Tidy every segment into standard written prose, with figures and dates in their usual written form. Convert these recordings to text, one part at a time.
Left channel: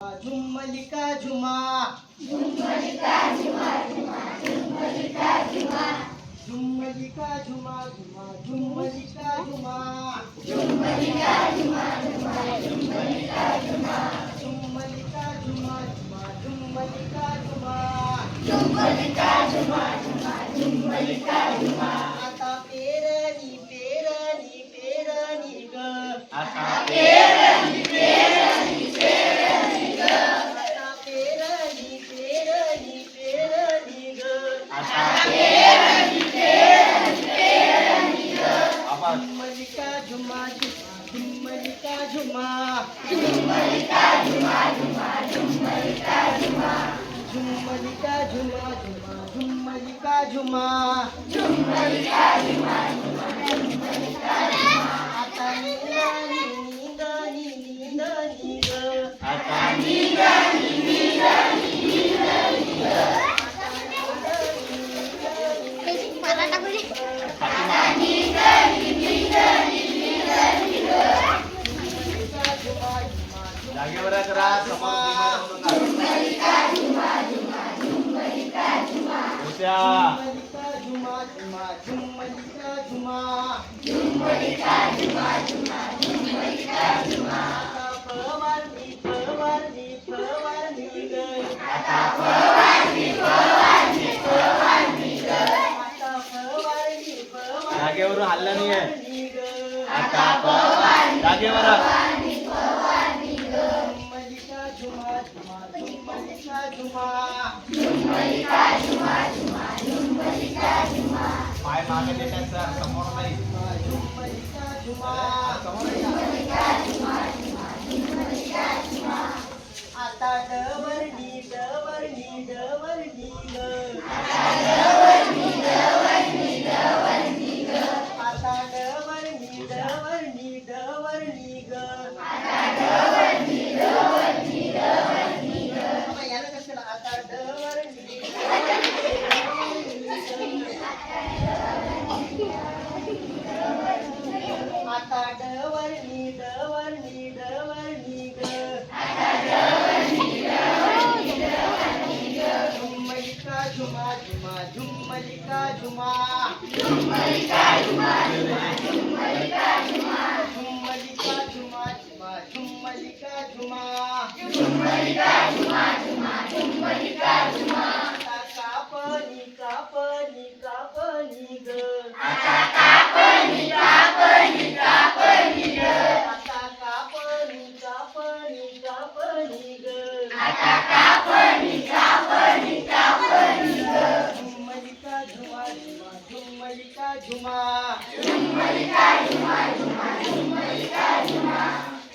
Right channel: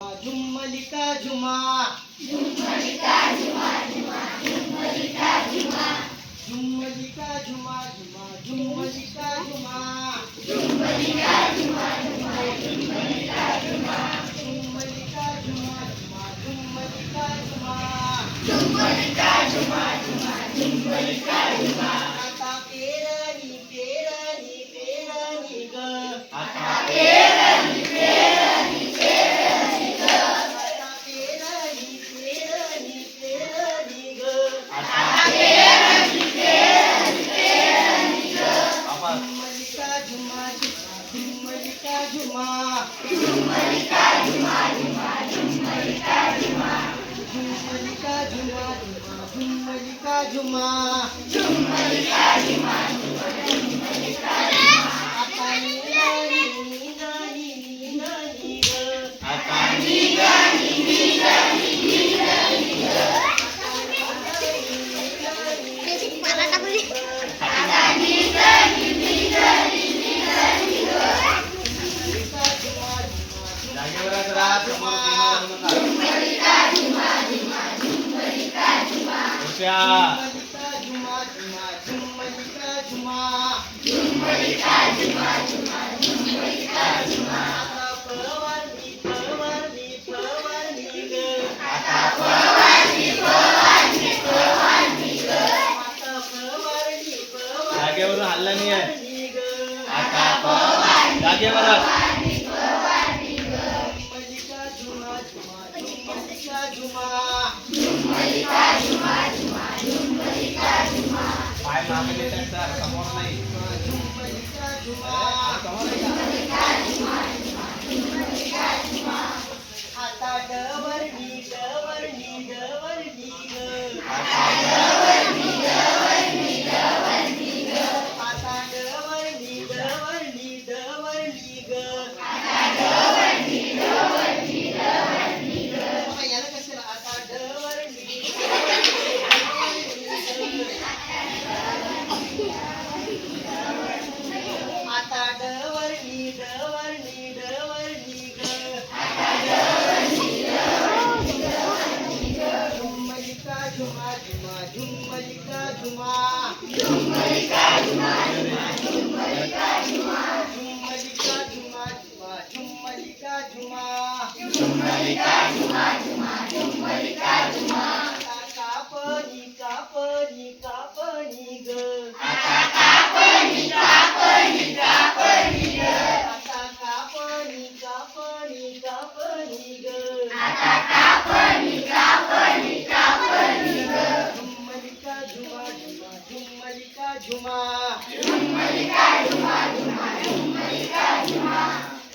झुम्मलिका झुमा झुम्मलिका झुमा झुमा झुम्मलिका झुमा झुम्मलिका झुमा झुमा झुम्मलिका झुमा झुम्मलिका झुमा झुमा झुम्मलिका झुमा झुम्मलिका झुमा झुमा झुम्मलिका झुमा झुम्मलिका झुमा झुमा झुम्मलिका झुमा आता पेरणी पेरणी पेरणी ग आता पेरणी पेरणी पेरणी ग आता पेरणी पेरणी पेरणी ग आता पेरणी पेरणी पेरणी ग झुम्मलिका झुमा झुम्मलिका झुमा झुम्मलिका झुमा झुमा झुम्मलिका झुमा झुम्मलिका झुमा झुमा झुम्मलिका झुमा झुम्मलिका झुमा झुमा झुम्मलिका झुमा आता नींदानी नींदानी नींदानी ग आता निगानी निगानी निगानी ग आता निगानी निगानी निगानी ग झुम्मलिका झुमा झुम्मलिका झुमा झुमा झुम्मलिका झुमा झुम्मलिका झुमा झुमा झुम्मलिका झुमा झुम्मलिका झुमा झुमा झुम्मलिका झुमा आता पवारणी पवारणी पवारणी ग आता पवारणी पवारणी पवारणी ग आता पवारणी जागेवरून हल्ला नाही आहे. पवारणी ग आता पवारणी जागेवर पवारणी पवारणी ग झुम्मलिका झुमा झुमा झुम्मलिका झुमा झुम्मलिका झुमा झुमा झुम्मलिका झुमा पाय मागे देतात सर समोर नाही झुम्मलिका झुमा झुम्मलिका झुमा झुमा झुम्मलिका झुमा आता डवरणी डवरणी डवरणी ग आता डवरणी डवरणी डवरणी ग आता डवरणी डवरणी डवरणी ग आता डवरणी डवरणी डवरणी ग आता याला कशाला आता डवरणी आता डवरणी डवरणी डवरणी ग आता डवरणी डवरणी डवरणी ग झुम्मलिका झुमा झुमा झुम्मलिका झुमा झुम्मलिका झुमा झुमा झुम्मलिका झुमा झुम्मलिका झुमा झुमा झुम्मलिका झुमा झुम्मलिका झुमा झुमा झुम्मलिका झुमा आता कापणी कापणी कापणी ग आता कापणी कापणी कापणी ग आता कापणी कापणी कापणी ग आता कापणी कापणी कापणी ग झुम्मलिका झुमा झुमा झुम्मलिका झुमा झुम्मलिका झुमा झुमा झुम्मलिका झुमा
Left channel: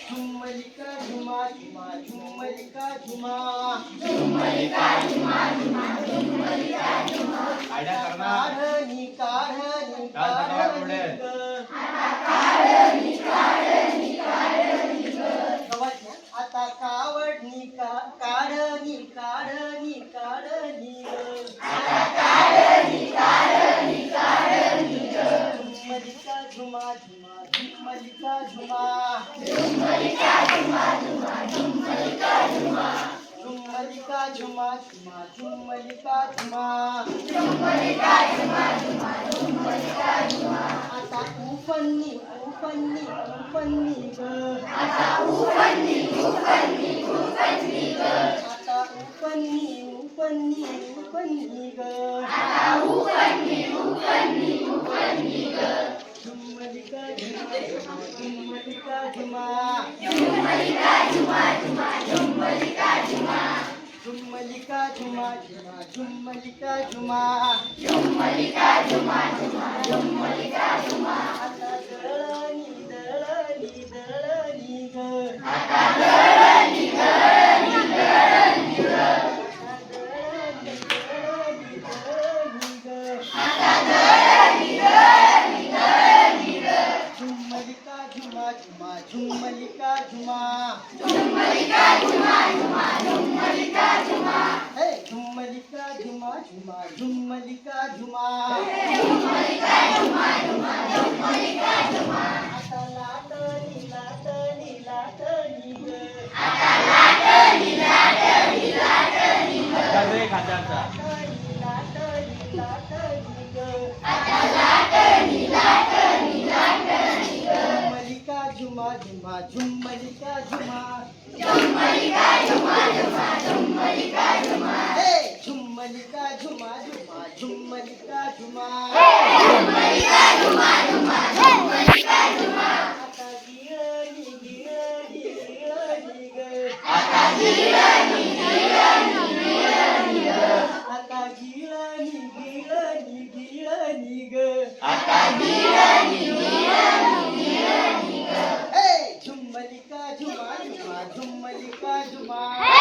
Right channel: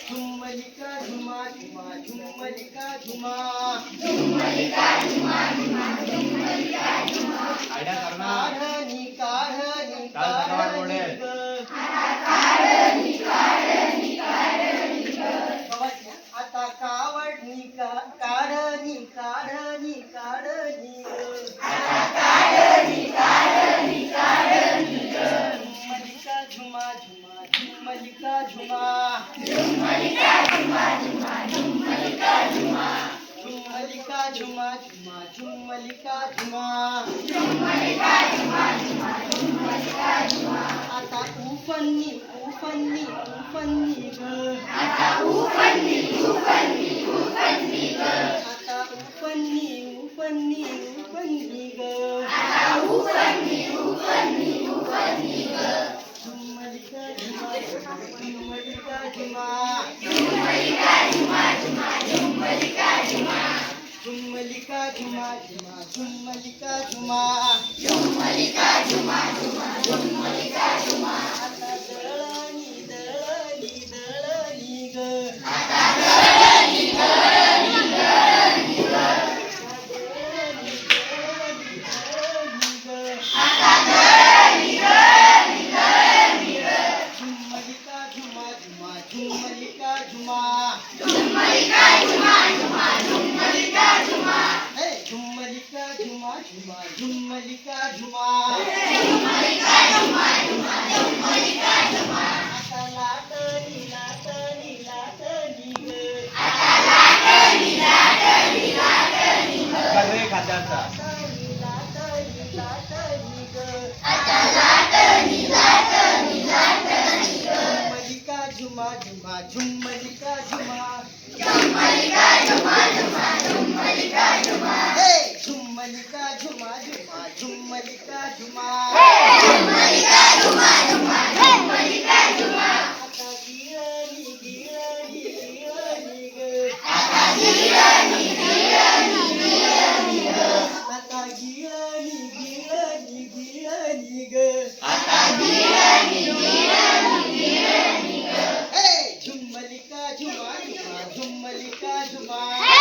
झुम्मलिका झुमा झुमा झुम्मलिका झुमा झुम्मलिका झुमा झुमा झुम्मलिका झुमा आयडिया कर ना काढणी काढणी काढणी ग काढणी काढणी काढणी ग गवाच्या आता कावडणी काढणी काढणी काढणी ग आता काढणी काढणी काढणी ग झुम्मलिका झुमा झुमा झुम्मलिका झुमा झुम्मलिका झुमा झुमा झुम्मलिका झुमा झुम्मलिका झुमा झुमा झुम्मलिका झुमा झुम्मलिका झुमा झुमा झुम्मलिका झुमा आता उफन्नी उफन्नी उफन्नी ग आता उफन्नी उफन्नी उफन्नी ग आता उफन्नी उफन्नी उफन्नी ग आता उफन्नी उफन्नी उफन्नी ग झुम्मलिका झुमा झुम्मलिका झुमा झुम्मलिका झुमा झुमा झुम्मलिका झुमा झुम्मलिका झुमा झुमा झुम्मलिका झुमा झुम्मलिका झुमा झुमा झुम्मलिका झुमा आता दळणी दळणी दळणी ग आता दळणी दळणी दळणी ग आता दळणी दळणी दळणी ग आता दळणी दळणी दळणी ग झुम्मलिका झुमा झुमा झुम्मलिका झुमा झुम्मलिका झुमा झुमा झुम्मलिका झुमा हे झुम्मलिका झुमा झुमा झुम्मलिका झुमा झुम्मलिका झुमा झुमा झुम्मलिका झुमा